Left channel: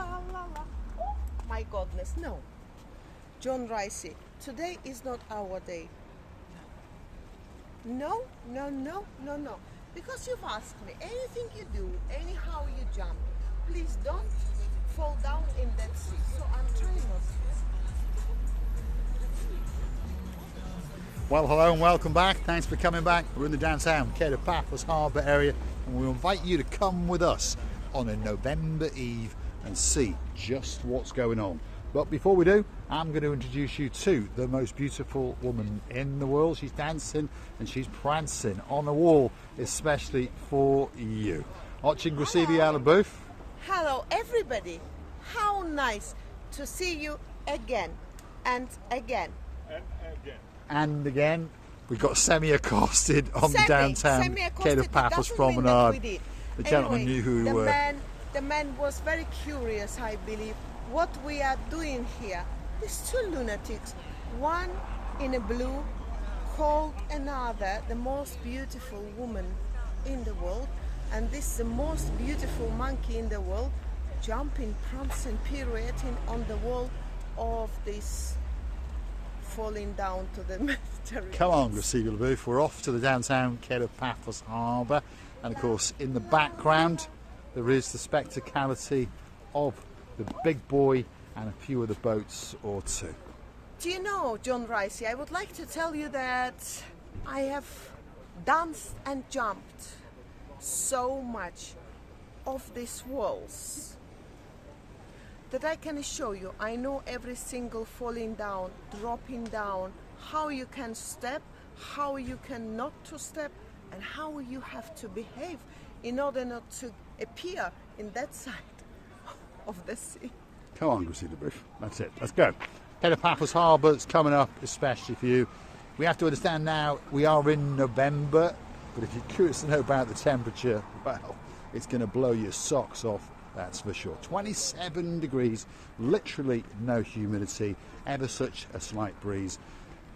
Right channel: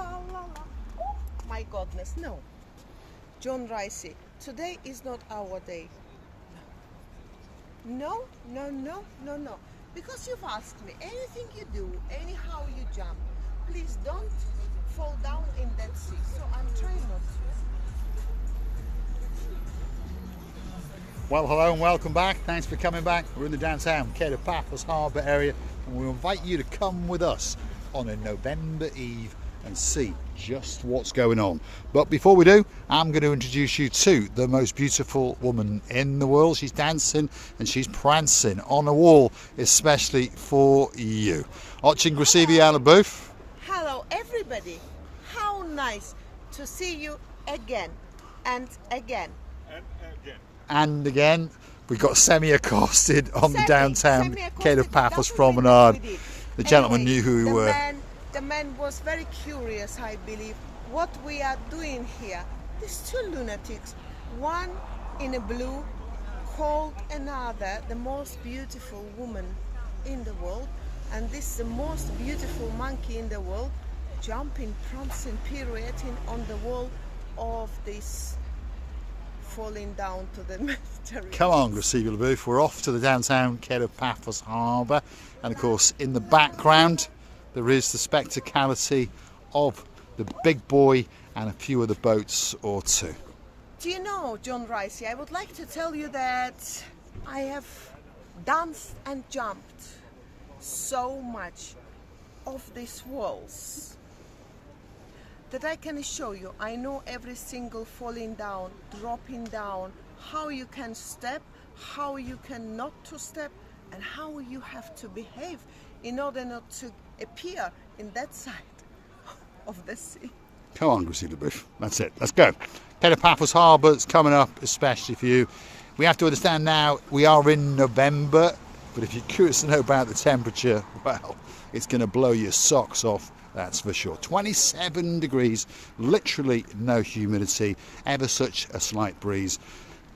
la la la. Oh my goodness, no. John Ricey, today is not our day. No, no, no, no, no. Because you've asked me, anything you do, anyhow you jump, please don't fall down in that sea. So I'm trying not to. Well, hello and welcome back. Thanks for coming back. We're in the downtown Kato Paphos Harbour area, and we invite you to come with us on a November Eve and see just what's going on. But before we do, I'm going to introduce you to the most beautiful woman in the world. She's dancing and she's prancing on a wall, especially for you. Watching Stevie out of booth. Hello everybody. How nice to see you again and again. And again, we got semi-accosted on the downtown Kato Paphos promenade. The gentleman knew who we were. The man was very curious, I believe, what we are doing here. These two lunatics, one in a blue, called another the most beautiful woman in the world, and this is the most beautiful monkey in the world, jumping, prancing, pirouetting on the wall of this falling down to the Mediterranean. Come on, Stevie LaBouffe, we're off to the downtown Kato Paphos Harbour, and of course in the background there is the spectacality of the big boy and a few other boats or two. Do you know, John Ricey, I would like to tell you that I have danced and jumped so much of these walls that I can show you. I know every single falling down, dropping down, how you can step, how you can not to step, and how you have to behave in order not to appear in that side of the sea. Come on, Stevie LaBouffe. That's it. Let's go. Kato Paphos Harbour is coming up, especially for you. We have to understand now we are in November, but if you're curious to know about the temperature, well, it's going to blow your socks off. That's for sure. 27 degrees, literally no humidity, ever such a slight breeze.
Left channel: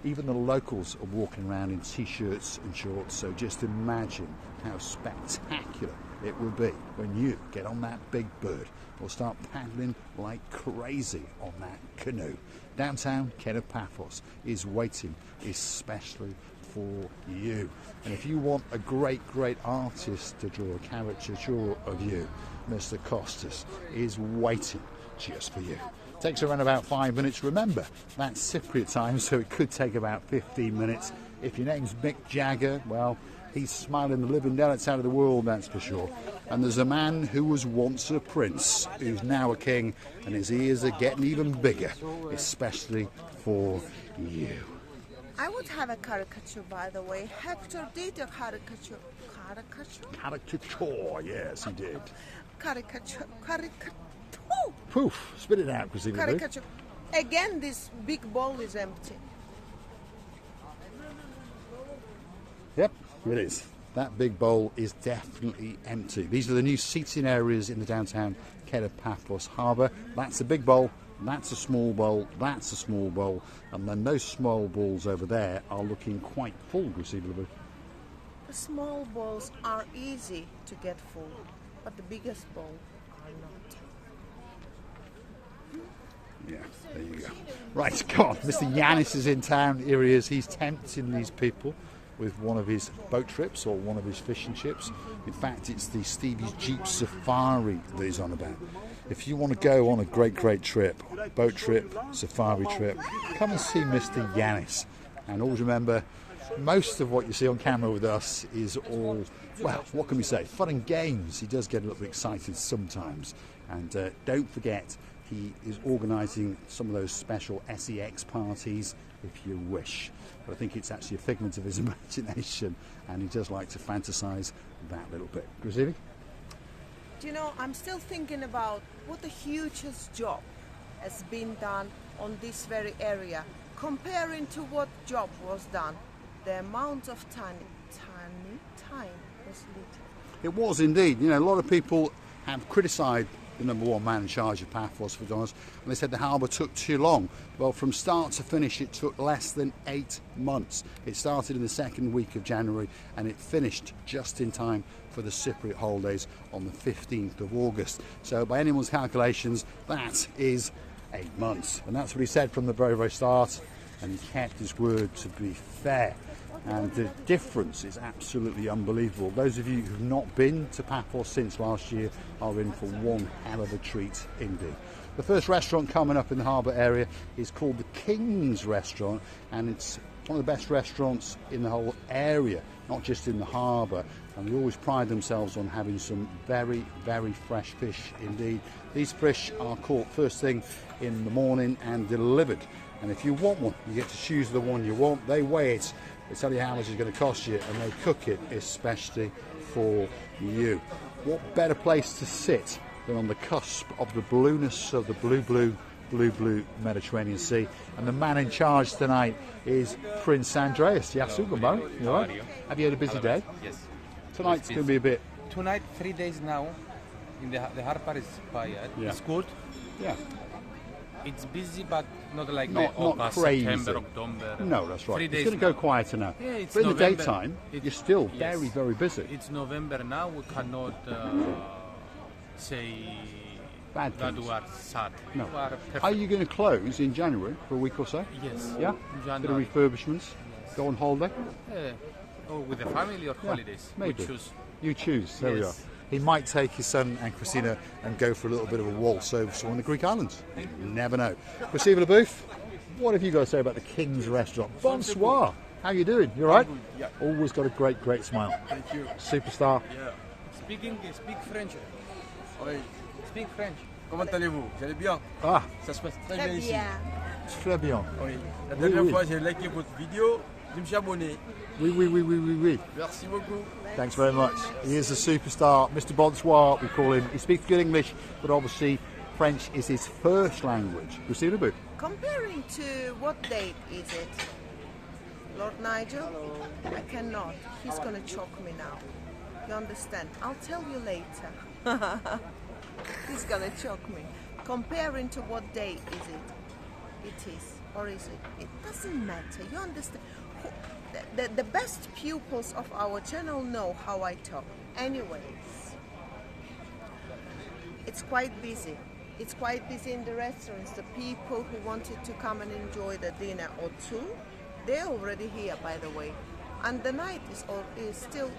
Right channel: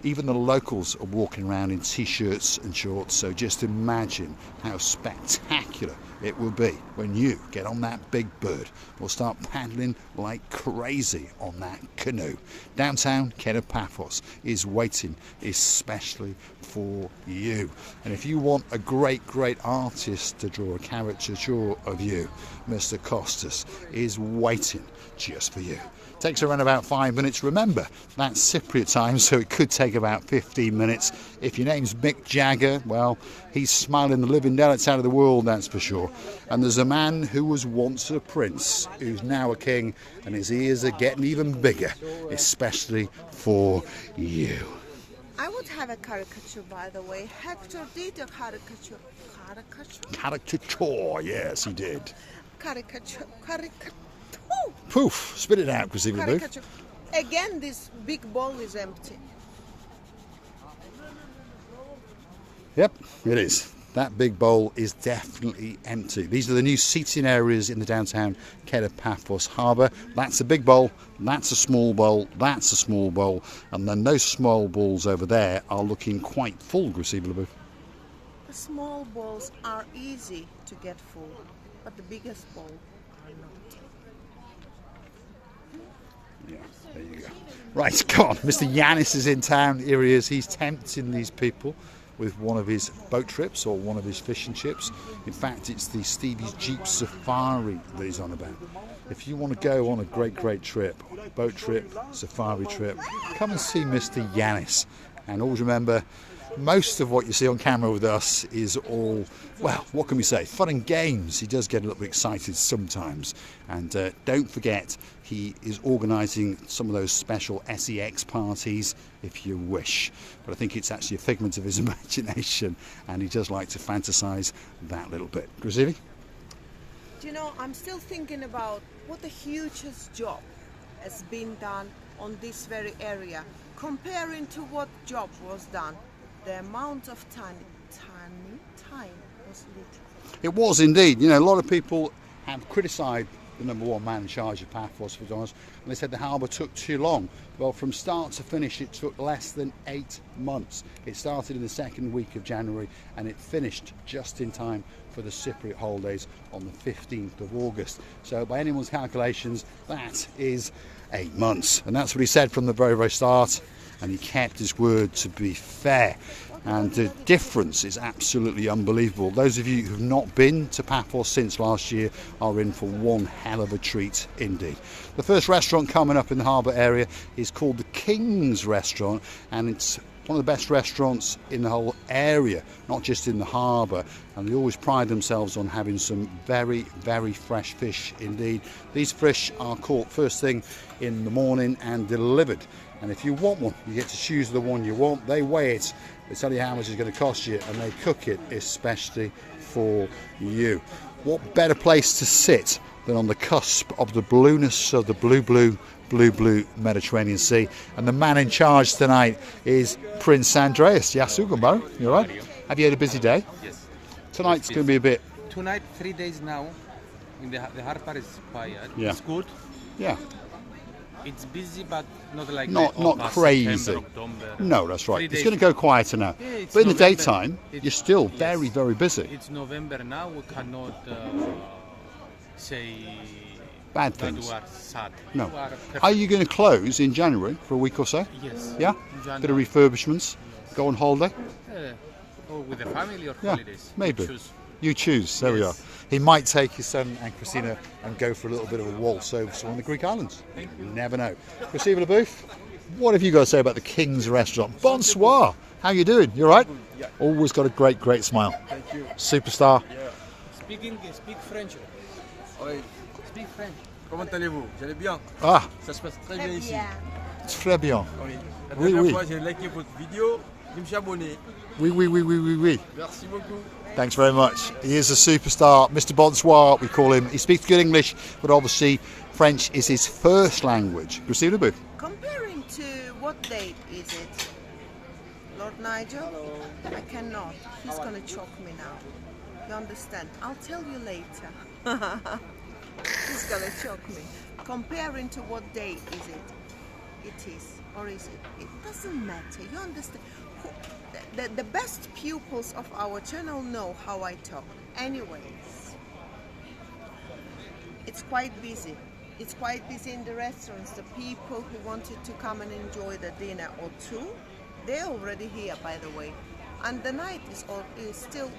Even the locals are walking around in t-shirts and shorts, so just imagine how spectacular it will be when you get on that big bird or start paddling like crazy on that canoe. Downtown Kato Paphos is waiting especially for you. And if you want a great artist to draw a caricature of you, Mr. Costas is waiting just for you. Takes around about 5 minutes. Remember, that's Cypriot time, so it could take about 15 minutes. If your name's Mick Jagger, well, he's smiling the living daylights out of the world, that's for sure. And there's a man who was once a prince, who's now a king, and his ears are getting even bigger, especially for you. I would have a caricature, by the way. Hector did a caricature. Caricature, yes, he did. Caricature. Poof, spit it out, Stevie LaBouffe. Again, this big bowl is empty. Yep, it is. That big bowl is definitely empty. These are the new seating areas in the downtown Kato Paphos Harbour. That's a big bowl, that's a small bowl, that's a small bowl, and then those small bowls over there are looking quite full, Stevie LaBouffe. The small bowls are easy to get full, but the biggest bowl are not. Yeah, there you go. Right, come on. Mr. Yanis is in town. Here he is. He's tempting these people with one of his boat trips or one of his fishing trips. In fact, it's the Stevie's Jeep Safari that he's on about. If you want to go on a great trip, boat trip, safari trip, come and see Mr. Yanis. And always remember, most of what you see on camera with us is all, well, what can we say, fun and games. He does get a little bit excited sometimes. And don't forget, he is organising some of those special SEX parties if you wish. But I think it's actually a figment of his imagination, and he does like to fantasise that little bit. Stevie? Do you know, I'm still thinking about what a hugest job has been done on this very area, comparing to what job was done. The amount of time was little. It was indeed. You know, a lot of people have criticised the number one man in charge of Paphos, for honest, and they said the harbour took too long. Well, from start to finish, it took less than 8 months. It started in the second week of January, and it finished just in time for the Cypriot holidays on the 15th of August. So by anyone's calculations, that is 8 months. And that's what he said from the very, very start. And he kept his word, to be fair. And the difference is absolutely unbelievable. Those of you who've not been to Paphos since last year are in for one hell of a treat indeed. The first restaurant coming up in the harbour area is called the King's Restaurant, and it's one of the best restaurants in the whole area, not just in the harbour. And they always pride themselves on having some very, very fresh fish indeed. These fish are caught first thing in the morning and delivered. And if you want one, you get to choose the one you want. They weigh it. They tell you how much it's going to cost you, and they cook it especially for you. What better place to sit than on the cusp of the blueness of the blue Mediterranean Sea? And the man in charge tonight is Prince Andreas. Yasugambo, you all right? Have you had a busy day? Yes. Tonight's going to be a bit... Tonight, 3 days now, in the harbour is quiet. Yeah. It's good. Yeah. It's busy, but not like Not August, crazy. September, October. No, that's right. 3 It's days going to go now. quieter now. Yeah, it's But in the November. daytime, It's- you're still yes. very, very busy. It's November now. We cannot say Bad that things. we are sad. No. We are perfect. Are you going to close in January for a week or so? Yes. Yeah? January. Bit of refurbishments? Go on holiday? Or with the family or Yeah, holidays. We maybe. choose. You choose. There we are. Yes. He might take his son and Christina and go for a little bit of a waltz over to one of the Greek islands. You never know. Christina Le Booth, what have you got to say about the King's Restaurant? Bonsoir. How you doing? You all right? Yeah. Always got a great, great smile. Thank you. Superstar. Yeah. Speak French. Oui. Speak French. Comment allez-vous? Vous allez bien? Ah, Ça se passe très bien ici. très bien. Oui. La Oui, dernière oui. fois, j'ai liké votre vidéo. Je me suis abonné. Oui, oui, oui, oui, oui, oui. Merci beaucoup. Thanks very much. He is a superstar, Mr. Bonsoir, we call him. He speaks good English, but obviously French is his first language. Christina Le Booth. Comparing to what date is it? Lord Nigel? I cannot. He's gonna choke me now. You understand? I'll tell you later. He's gonna choke me. Comparing to what date is it? It is. Or is it? It doesn't matter. You understand? The best pupils of our channel know how I talk. Anyways, it's quite busy. It's quite busy in the restaurants. The people who wanted to come and enjoy the dinner or two, they're already here, by the way. And the night is still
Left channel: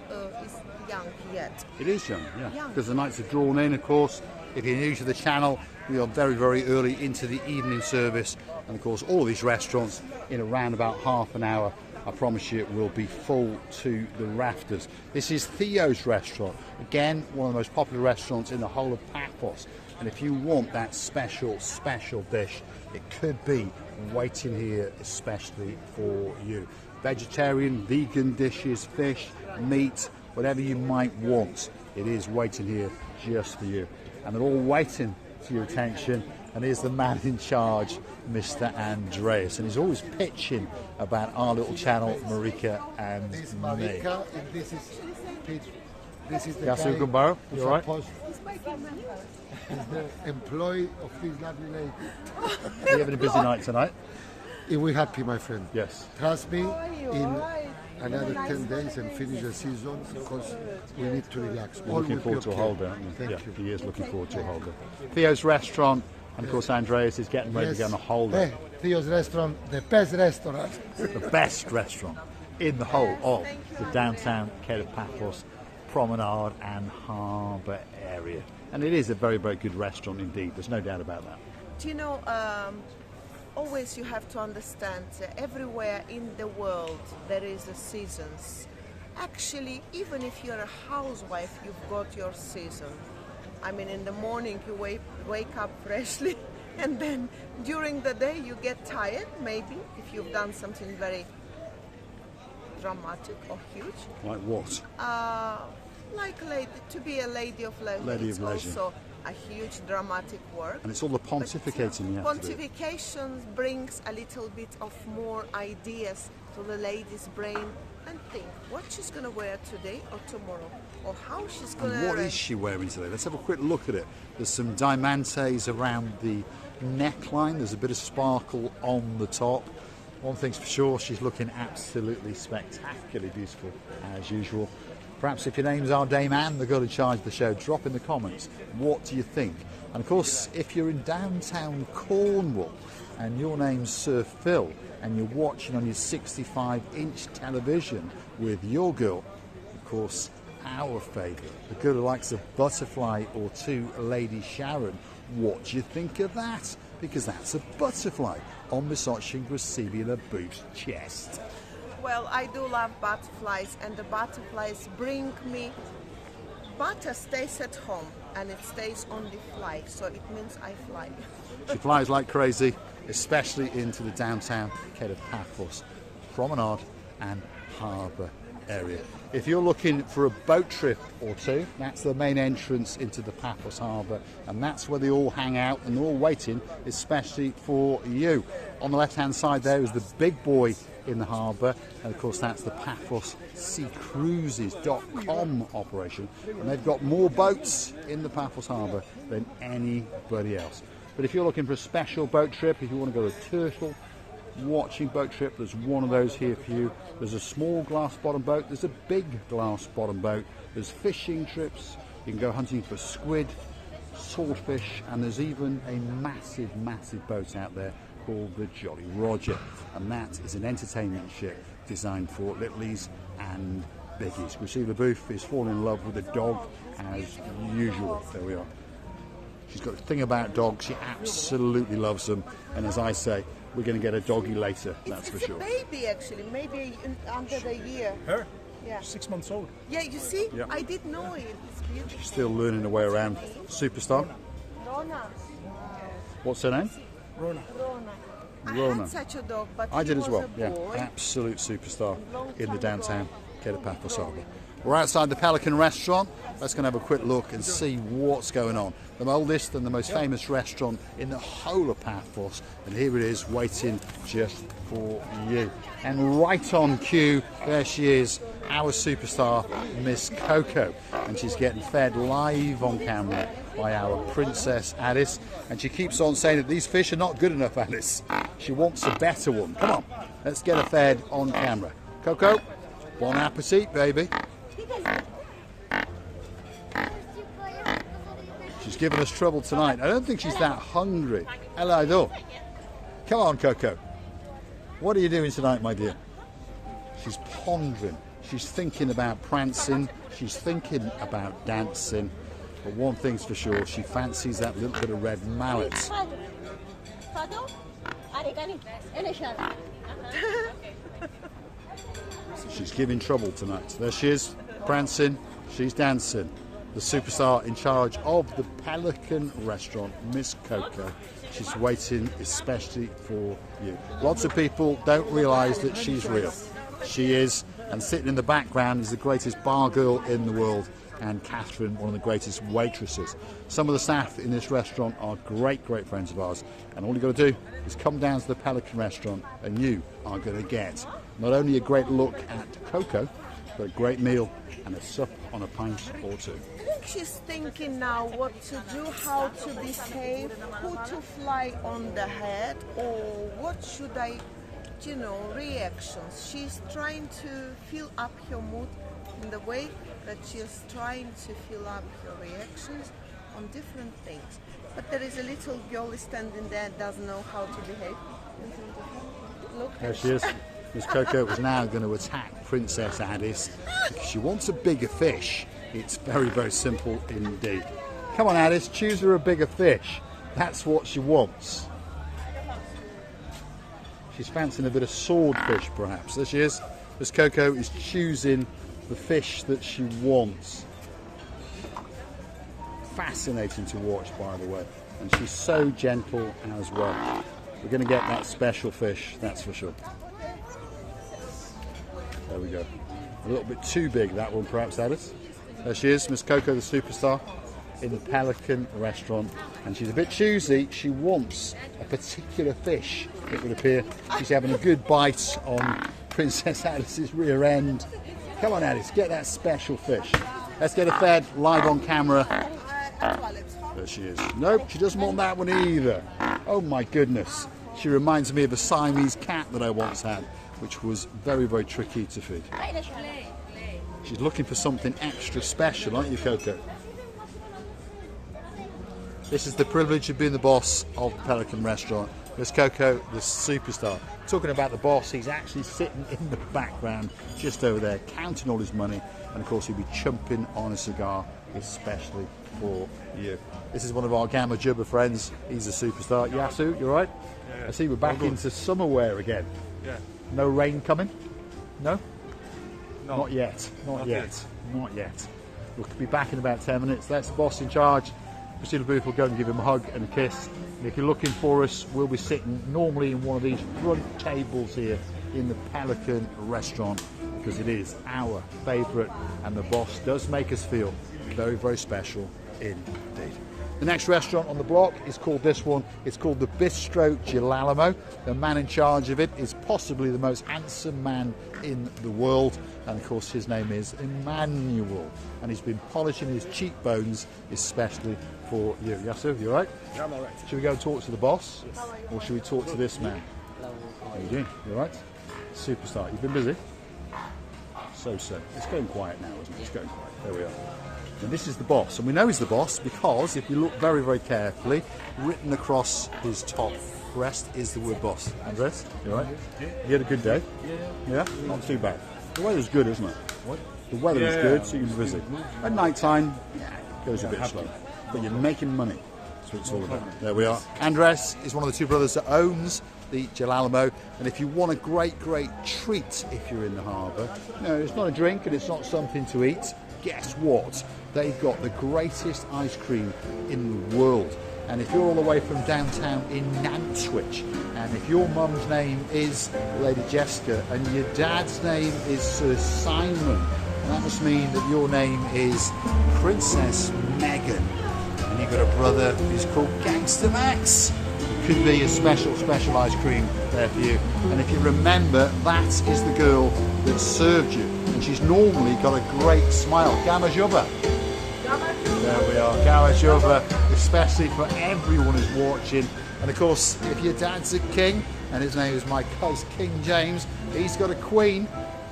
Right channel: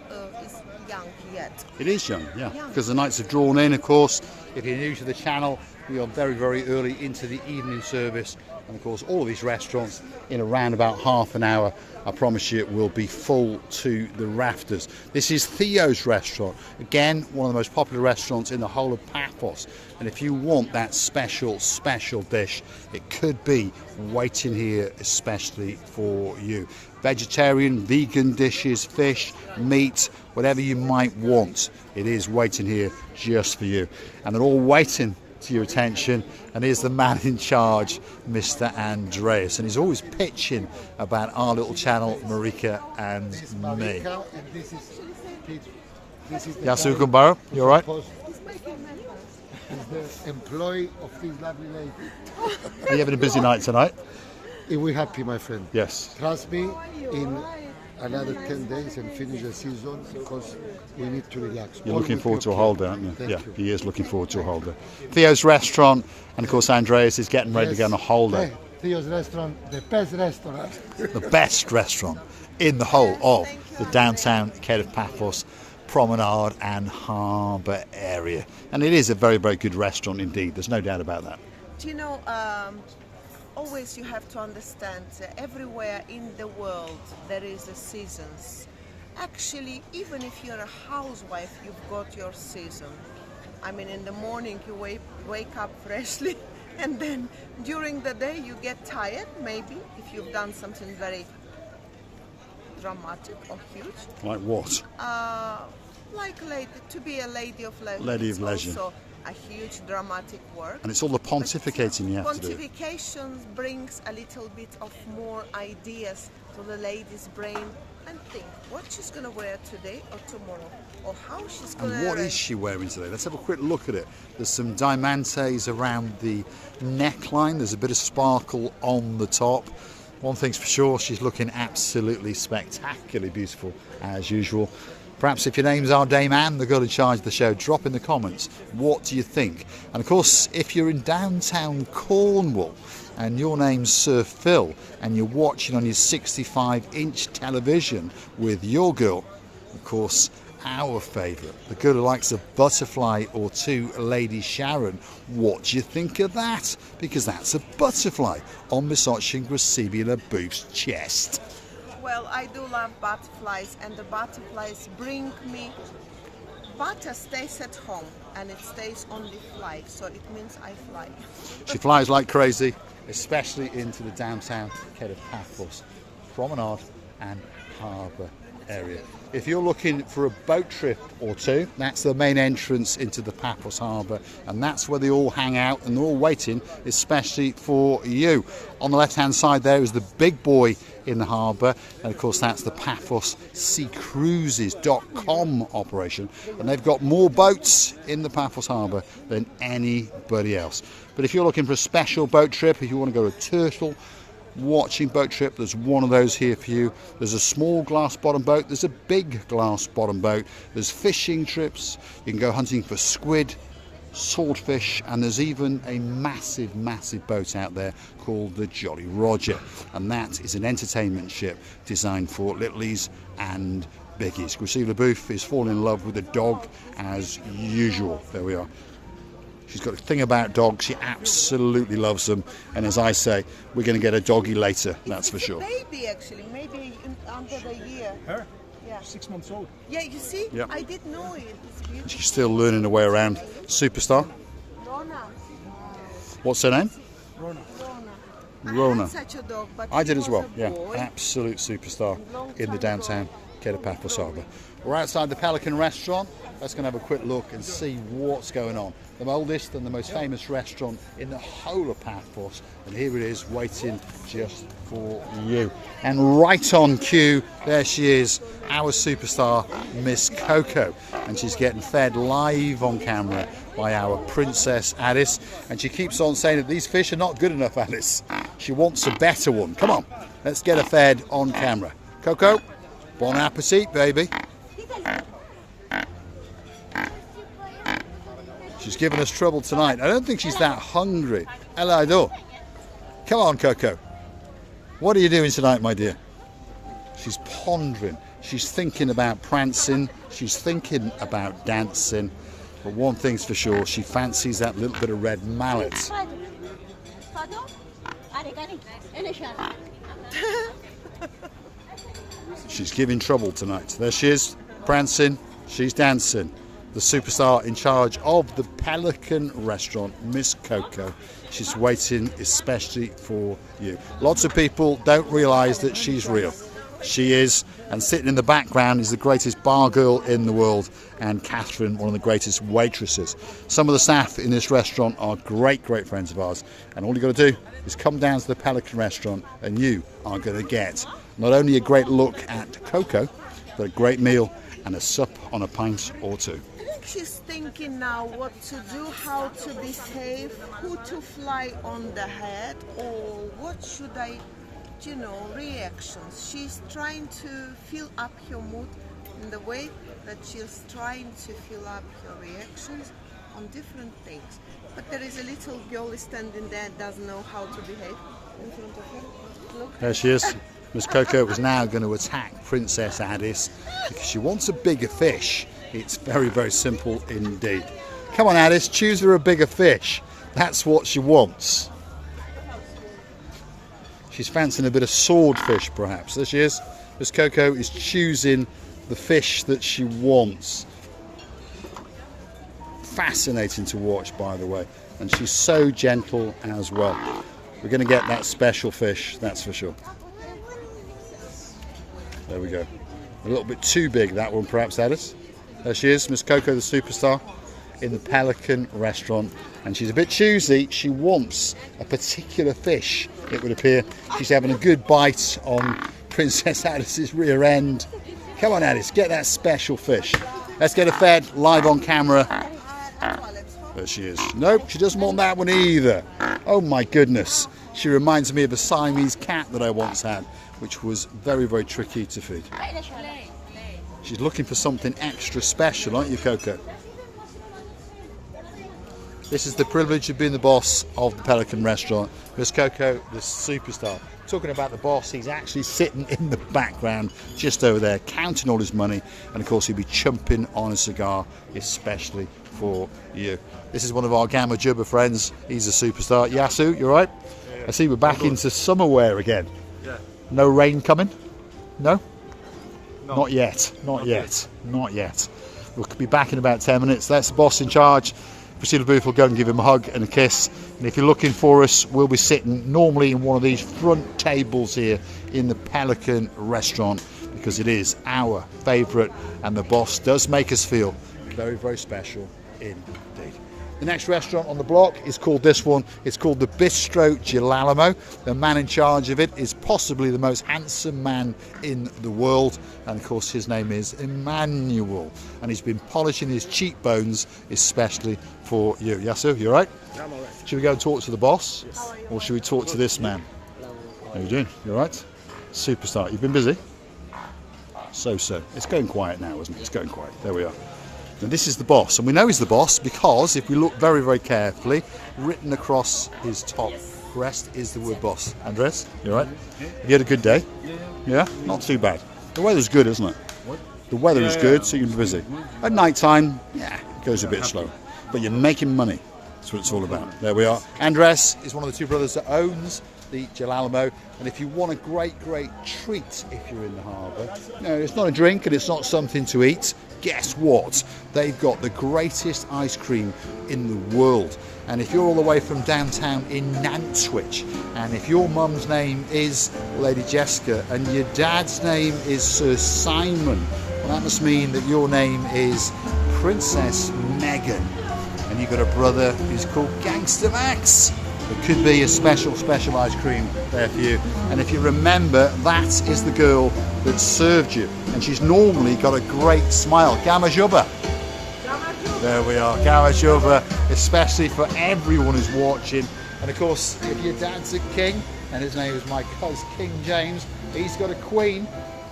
young yet. It is young, yeah, Young. because the nights are drawn in, of course. If you're new to the channel, we are very, very early into the evening service. And of course, all of these restaurants in around about half an hour, I promise you, will be full to the rafters. This is Theo's restaurant. Again, one of the most popular restaurants in the whole of Paphos. And if you want that special, special dish, it could be waiting here especially for you. Vegetarian, vegan dishes, fish, meat, whatever you might want, it is waiting here just for you. And they're all waiting to your attention, and here's the man in charge, Mr. Andreas, and he's always pitching about our little channel, Marika and This is me. Marika, and this is Pete. This is the Yasu guy Gumbaro, who you all right? supposed- He's the employee of this lovely lady. Are you having a busy night tonight? We're happy, my friend. Yes. Trust me, in another 10 days and finish the season, because we need to relax. You're All looking will forward be to a okay. holiday, aren't you? Thank Yeah, you. he is looking forward to a holiday. Theo's restaurant, and of course Andreas is getting ready to go on a holiday. Theo's restaurant, the best restaurant. The best restaurant in the whole of the downtown Kato Paphos promenade and harbour area. And it is a very, very good restaurant indeed. There's no doubt about that. Do you know, always you have to understand everywhere in the world there is a seasons. Actually, even if you're a housewife, you've got your season. I mean, in the morning you wake up freshly, and then during the day you get tired, maybe, if you've done something very dramatic or huge. Like what? To be a lady of leisure. Lady it's of leisure. also a huge dramatic work. And it's all the But, pontificating you have to do. pontification brings a little bit of more ideas to the lady's brain, and think what she's going to wear today or tomorrow, or how she's going And to what is she wearing today? Let's have a quick look at it. There's some diamantes around the neckline. There's a bit of sparkle on the top. One thing's for sure, she's looking absolutely spectacularly beautiful as usual. Perhaps if your name's our Dame Anne, the girl in charge of the show, drop in the comments. What do you think? And of course, if you're in downtown Cornwall and your name's Sir Phil and you're watching on your 65-inch television with your girl, of course, our favourite, the girl who likes a butterfly or two, Lady Sharon, what do you think of that? Because that's a butterfly on Misochin Gracibula Boof's chest. Well, I do love butterflies, and the butterflies bring me. Butter stays at home, and it stays only fly, so it means I fly. She flies like crazy, especially into the downtown Kato Paphos promenade and harbour area. If you're looking for a boat trip or two, that's the main entrance into the Paphos Harbour, and that's where they all hang out and they're all waiting especially for you. On the left hand side there is the big boy in the harbour, and of course that's the PaphosSeaCruises.com operation, and they've got more boats in the Paphos Harbour than anybody else. But if you're looking for a special boat trip, if you want to go to Turtle watching boat trip, there's one of those here for you. There's a small glass bottom boat, there's a big glass bottom boat, there's fishing trips, you can go hunting for squid, swordfish, and there's even a massive boat out there called the Jolly Roger, and that is an entertainment ship designed for littlies and biggies. Gracibula Boof is falling in love with a dog as usual. There we are. She's got a thing about dogs. She absolutely loves them. And as I say, we're going to get a doggy later, that's for sure. It's a baby, actually, maybe under the year. Her? Yeah. 6 months old. Yeah, you see? Yep. I did know it. It's beautiful. She's still learning her way around. Superstar. Rona. What's her name? Rona. I Rona. had such a dog, but I he did as was well, a yeah. boy. Absolute superstar in the downtown Kato Paphos Harbour. We're outside the Pelican Restaurant. Let's go and have a quick look and see what's going on. The oldest and the most famous restaurant in the whole of Paphos, and here it is waiting just for you. And right on cue, there she is, our superstar, Miss Coco, and she's getting fed live on camera by our Princess Alice, and she keeps on saying that these fish are not good enough, Alice. She wants a better one. Come on, let's get her fed on camera. Coco, bon appetit, baby. She's giving us trouble tonight. I don't think she's that hungry. Hello. Come on, Coco. What are you doing tonight, my dear? She's pondering. She's thinking about prancing. She's thinking about dancing. But one thing's for sure, she fancies that little bit of red mallet. She's giving trouble tonight. There she is, prancing. She's dancing. The superstar in charge of the Pelican Restaurant, Miss Coco. She's waiting especially for you. Lots of people don't realise that she's real. She is, and sitting in the background is the greatest bar girl in the world, and Catherine, one of the greatest waitresses. Some of the staff in this restaurant are great friends of ours, and all you've got to do is come down to the Pelican Restaurant and you are going to get not only a great look at Coco, but a great meal and a sup on a pint or two. I think she's thinking now what to do, how to behave, who to fly on the head, or what should I, reactions. She's trying to fill up her mood in the way that she's trying to fill up her reactions on different things. But there is a little girl standing there that doesn't know how to behave in front of her. Look. There she is. Miss Coco is now going to attack Princess Alice because she wants a bigger fish. It's very simple indeed. Come on, Alice, choose her a bigger fish. That's what she wants. She's fancying a bit of swordfish, perhaps. There she is. Miss Coco is choosing the fish that she wants. Fascinating to watch, by the way. And she's so gentle as well. We're going to get that special fish, that's for sure. There we go. A little bit too big, that one, perhaps, Alice. There she is, Miss Coco, the superstar, in the Pelican Restaurant. And she's a bit choosy. She wants a particular fish, it would appear. She's having a good bite on Princess Alice's rear end. Come on, Alice, get that special fish. Let's get her fed live on camera. There she is. Nope, she doesn't want that one either. Oh my goodness. She reminds me of a Siamese cat that I once had, which was very tricky to feed. She's looking for something extra special, aren't you, Coco? This is the privilege of being the boss of the Pelican Restaurant. Miss Coco, the superstar. Talking about the boss, he's actually sitting in the background just over there, counting all his money, and of course he'll be chumping on a cigar, especially for you. This is one of our Gamma Jubba friends. He's a superstar. Yasu, you all right? Yeah. I see we're back into summer wear again. Yeah. No rain coming? No? No. Not yet. Not yet. Not yet. We'll be back in about 10 minutes. That's the boss in charge. Priscilla Booth will go and give him a hug and a kiss. And if you're looking for us, we'll be sitting normally in one of these front tables here in the Pelican Restaurant, because it is our favourite, and the boss does make us feel very, very special indeed. The next restaurant on the block is called this one. It's called the Bistro Galo. The man in charge of it is possibly the most handsome man in the world, and of course his name is Emmanuel, and he's been polishing his cheekbones especially for you. Yasu, you all right? Yeah, I'm alright. Should we go and talk to the boss? Yes. Or should we talk to this man? How you doing? You all right? Superstar. You've been busy? So. It's going quiet now, isn't it? It's going quiet. There we are. And this is the boss, and we know he's the boss because if we look very, very carefully, written across his top breast is the word boss. Andres, you all right? You had a good day? Yeah? Not too bad. The weather's good, isn't it? What? The weather is good, so you can be busy. At night time, yeah, it goes a bit slow. But you're making money. That's what it's all about. There we are. Andres is one of the two brothers that owns the Galo, and if you want a great, great treat if you're in the harbour, no, it's not a drink and it's not something to eat. Guess what? They've got the greatest ice cream in the world. And if you're all the way from downtown in Nantwich, and if your mum's name is Lady Jessica and your dad's name is Sir Simon, that must mean that your name is Princess Megan, and you've got a brother who's called Gangster Max. It could be a special ice cream there for you. And if you remember, that is the girl that served you, and she's normally got a great smile. Gamma Jubba. There we are, Gamma Jubba, especially for everyone who's watching. And of course, if your dad's a king, and his name is my cousin King James, he's got a queen,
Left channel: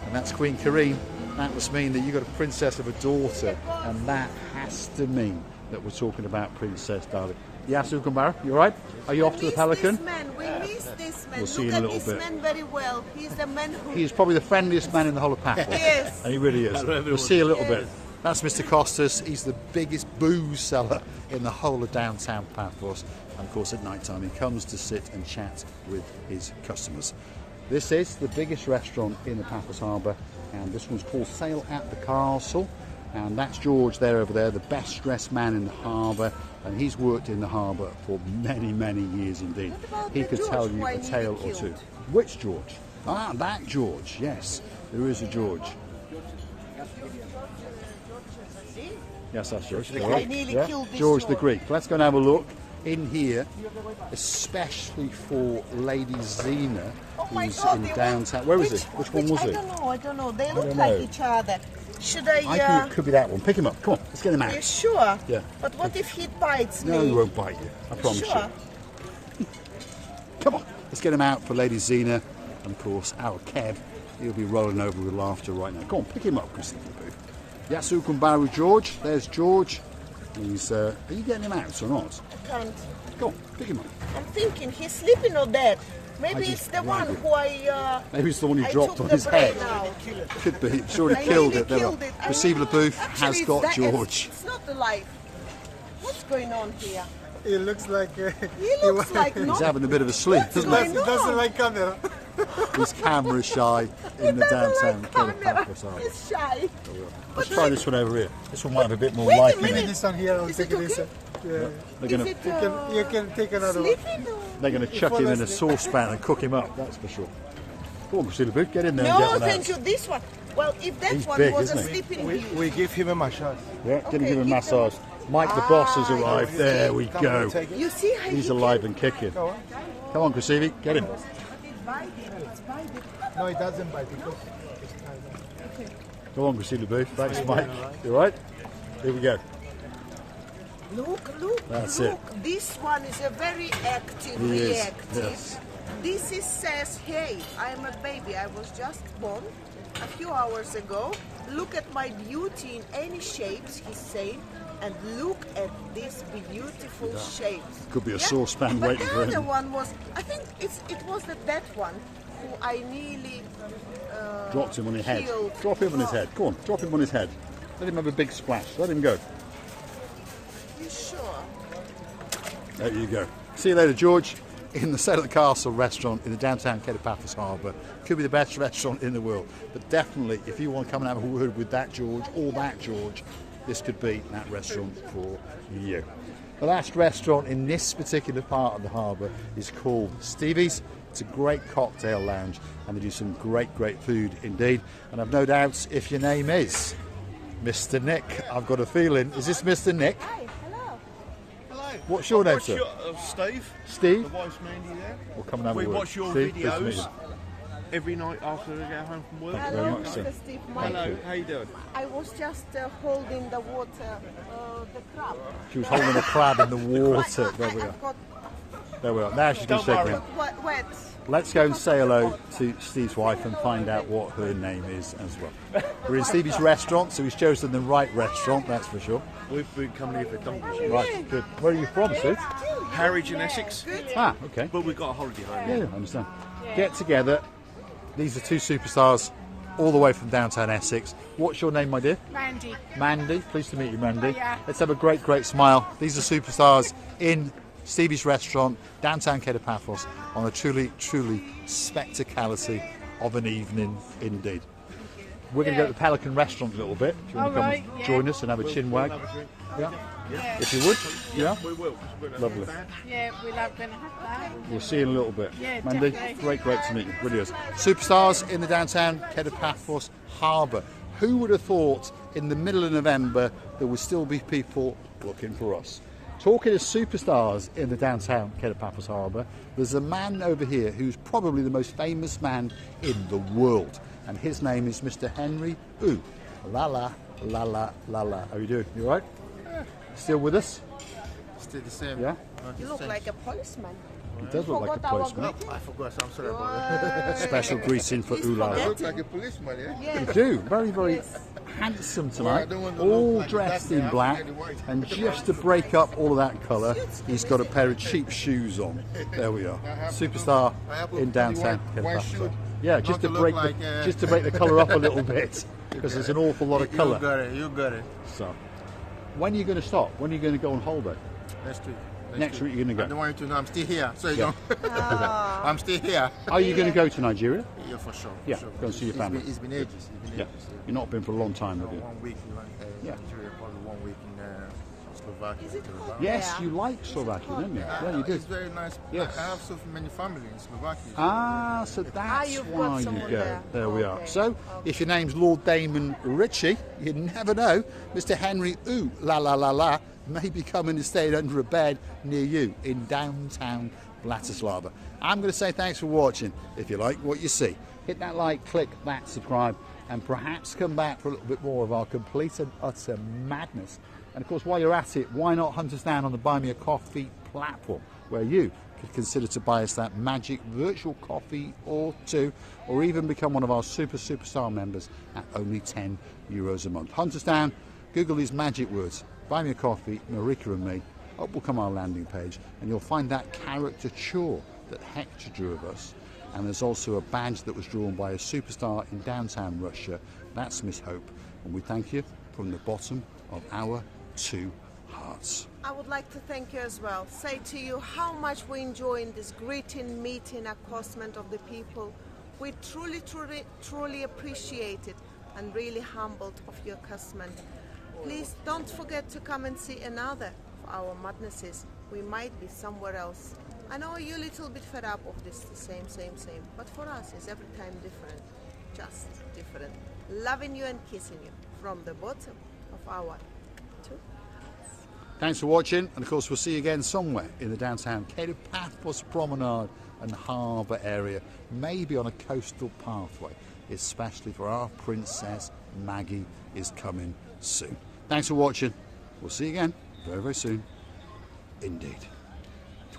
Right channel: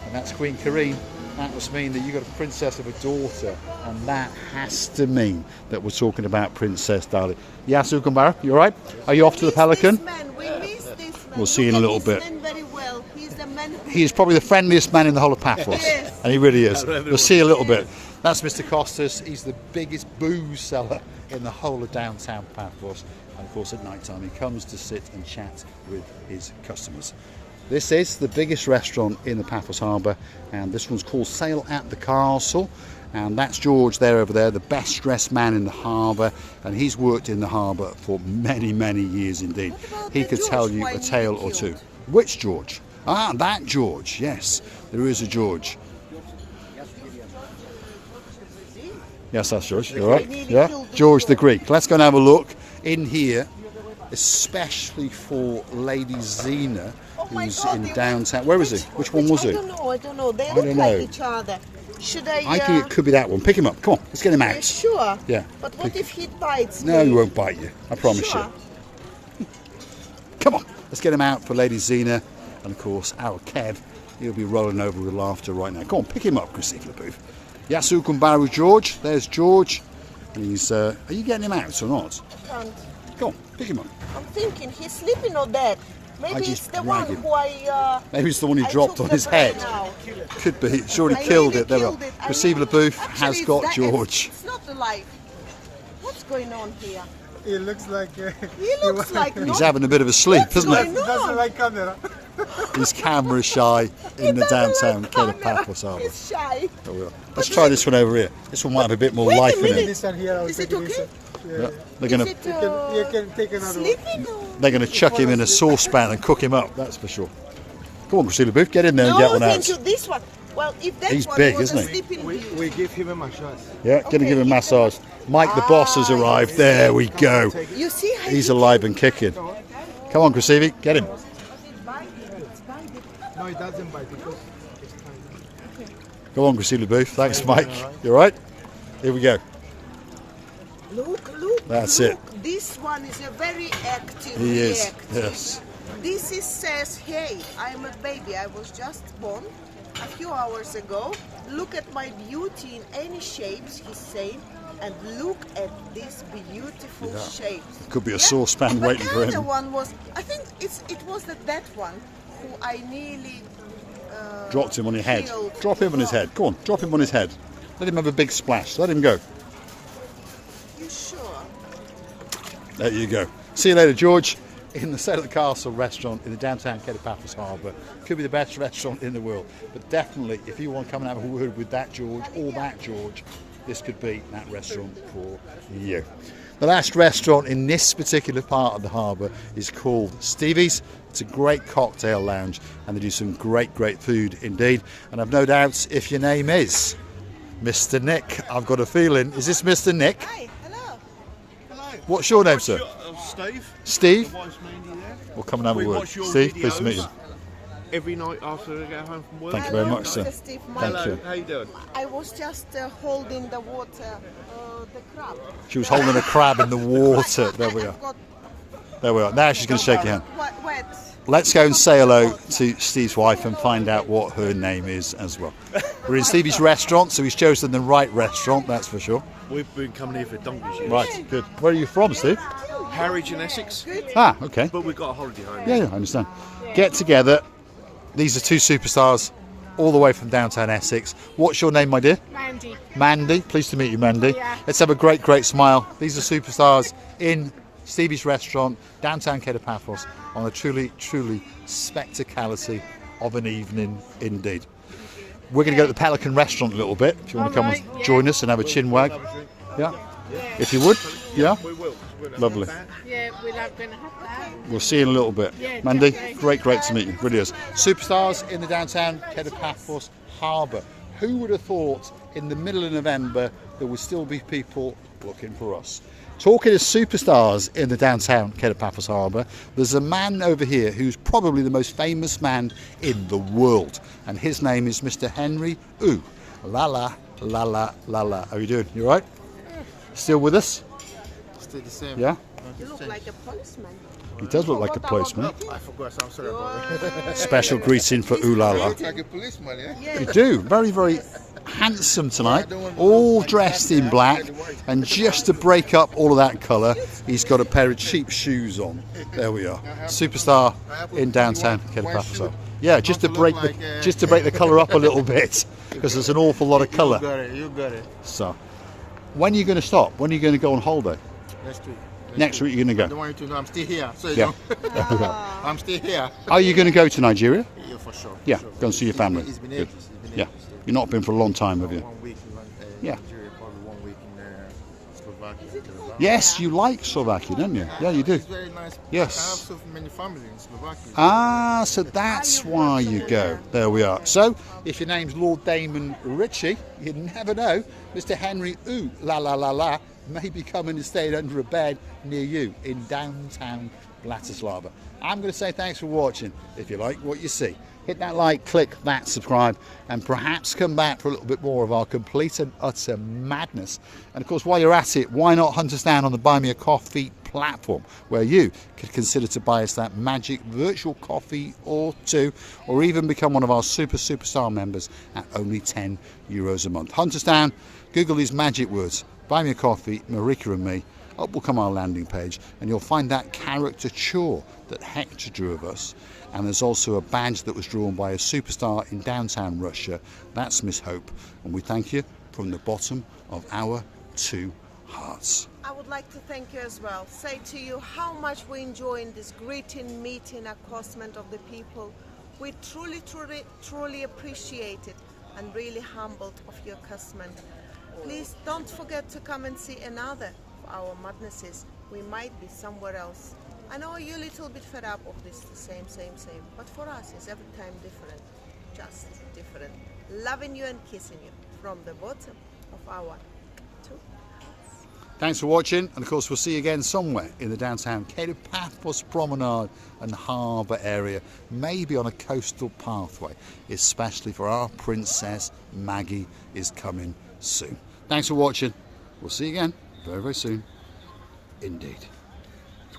and that's Queen Kareem. That must mean that you've got a princess of a daughter, and that has to mean that we're talking about Princess Darling. Yasu Kumbara, you all right? Are you off to the Pelican? We'll see you in a little bit. Very well. He's the man who... He's probably the friendliest man in the whole of Paphos. Yes. And he really is. We'll see you a little bit. That's Mr. Costas. He's the biggest booze seller in the whole of downtown Paphos. And of course, at night time, he comes to sit and chat with his customers. This is the biggest restaurant in the Paphos Harbour, and this one's called Sail at the Castle. And that's George there over there, the best dressed man in the harbour, and he's worked in the harbour for many, many years indeed. He could tell you a tale or two. Which George? Ah, that George, yes, there is a George. Yes, that's George, you all right? Yeah, George the Greek. Let's go and have a look in here, especially for Lady Zena, who's in downtown. Where was he? Which one was it? I don't know. They look like each other. Should I... I think it could be that one. Pick him up. Come on, let's get him out. Are you sure? Yeah. But what if he bites me? No, he won't bite you. I promise Sure. you. Come on, let's get him out for Lady Zena. And of course, our Kev, he'll be rolling over with laughter right now. Come on, pick him up, Priscilla Booth. Yasu Kumbaru George. There's George. And he's, are you getting him out or not? I can't. Come on, pick him up. I'm thinking he's sleeping or dead. Maybe it's the one who Maybe it's the one he I dropped took on the his brain head. out. Could be. It's already I killed really it. There killed are. it. I Priscilla really- Booth Actually, has it's got that- George. It's not alive. What's going on here? It looks like He looks like He's having a bit of a sleep, What's isn't going he? on? doesn't like camera. He's camera shy in the downtown Paphos Harbour. He's shy. Let's try this one over here. This one might have a bit more Wait a life in minute. it. This one here, I'll Is take it this. okay? Yeah. They're Is gonna it, You can take another one. sleeping? they're gonna chuck him in a saucepan and cook him up. That's for sure. Come on, Priscilla Booth, get in there and get No, one thank out. you. This one. Well, if that He's one big, was isn't a he? sleeping beauty. We give him a massage. Yeah, gonna Okay, give him a you massage. Mike the boss has arrived. There we go. You see how He's he alive and kicking. Come on, Chrissy, get him. No, it doesn't bite because it's kind of... Go on, Priscilla Booth. Thanks, Mike. You all right? Here we go. Look. That's look. it. This one is a very active. He is. reactive. Yes. This is says, hey, I'm a baby. I was just born a few hours ago. look at my beauty in any shapes, he's saying, and look at these beautiful shapes. Could be a saucepan But waiting the for other him. one was, I think it was that one who I nearly Dropped him on your head. killed. Drop him on his head. Go on, drop him on his head. Let him have a big splash. Let him go. You sure? There you go. See you later, George. In the Sail at the Castle restaurant in the downtown Kato Paphos Harbour. Could be the best restaurant in the world. But definitely, if you want to come and have a word with that George or that George, this could be that restaurant for you. The last restaurant in this particular part of the harbour is called Stevie's. It's a great cocktail lounge and they do some great food indeed. And I've no doubts if your name is Mr. Nick, I've got a feeling. Is this Mr. Nick? Hi, hello. Hello. What's your name, sir? Steve. Steve? The wife's Mandy there. We'll come and have We a word. watch your Steve, pleased to meet you. videos every night after we get home from work. Thank you very much, sir. Mr. Steve, Thank Hello, you. how you doing? I was just holding the water, the crab. She was holding a crab in the water. There we are. There we are. Now she's going to shake your hand. Wet. Let's go and say hello to Steve's wife and find out what her name is as well. We're in Stevie's restaurant, so he's chosen the right restaurant, that's for sure. We've been coming here for donkeys years. Right, good. Where are you from, Steve? Harwich in Essex, Ah, okay. but we've got a holiday home. Yeah, I understand. Get together. These are two superstars all the way from downtown Essex. What's your name, my dear? Mandy. Mandy. Pleased to meet you, Mandy. Yeah. Let's have a great smile. These are superstars in Stevie's restaurant, downtown Kato Paphos, on a truly spectacality of an evening indeed. We're going to go to the Pelican Restaurant a little bit. If you want to come Alright, and yeah. join us and have a chin wag. Yeah? If you would. Yeah? We will. Lovely. Yeah, we love going to have that. We'll see you in a little bit. Yeah, Mandy, definitely. great to meet you. Really is. Superstars in the downtown Kato Paphos Harbour. Who would have thought in the middle of November there would still be people looking for us? Talking of superstars in the downtown Kato Paphos Harbour, there's a man over here who's probably the most famous man in the world, and his name is Mr. Henry Ooh. La la la la la la. How are you doing? You all right? Still with us? Still the same. Yeah. You look like a postman. He does look like a postman. I forgot, so I'm sorry You about that. are... Special greeting for Ooh La La. Look like a policeman, yeah? Yeah. You do. Very handsome tonight. All dressed in black. And just to break up all of that colour, he's got a pair of cheap shoes on. There we are. Superstar in downtown Kato Paphos. Yeah, just to break the colour up a little bit, because there's an awful lot of colour. You got it. So, when are you going to stop? When are you going to go on holiday? Next week. Next week you're going to I don't go. want you to know I'm still here. So you Yeah. know. I'm still here. Are you going to go to Nigeria? Yeah, for sure. Yeah, for sure. go and see your family. It's been Good. ages. It's been Yeah. ages. You've not been for a long time, have you? 1 week in Yeah. Nigeria, probably 1 week in Slovakia. Yes, you like Slovakia, don't you? Yeah, you do. It's very nice. Yes. I have so many family in Slovakia. Ah, so that's why you go. There we are. So, if your name's Lord Damon Ritchie, you never know, Mr. Henry Ooh La La La La may be coming and staying under a bed near you in downtown Bratislava. I'm going to say thanks for watching. If you like what you see, hit that like, click that subscribe, and perhaps come back for a little bit more of our complete and utter madness. And of course, while you're at it, why not hunt us down on the Buy Me a Coffee platform, where you could consider to buy us that magic virtual coffee or two, or even become one of our superstar members at only €10 a month. Hunt us down, Google these magic words, Buy Me a Coffee, Marika and me. Up will come our landing page, and you'll find that caricature that Hector drew of us. And there's also a badge that was drawn by a superstar in downtown Russia. That's Miss Hope. And we thank you from the bottom of our two hearts. I would like to thank you as well. Say to you how much we enjoy in this greeting, meeting, accostation of the people. We truly appreciate it and really humbled of your accostation. Please don't forget to come and see another of our madnesses. We might be somewhere else. I know you're a little bit fed up of this, the same, but for us it's every time different, just different. Loving you and kissing you from the bottom of our two hearts. Thanks for watching, and of course we'll see you again somewhere in the downtown Kato Paphos Promenade and Harbour area, maybe on a coastal pathway, especially for our princess Maggie is coming soon. Thanks for watching. We'll see you again very soon indeed.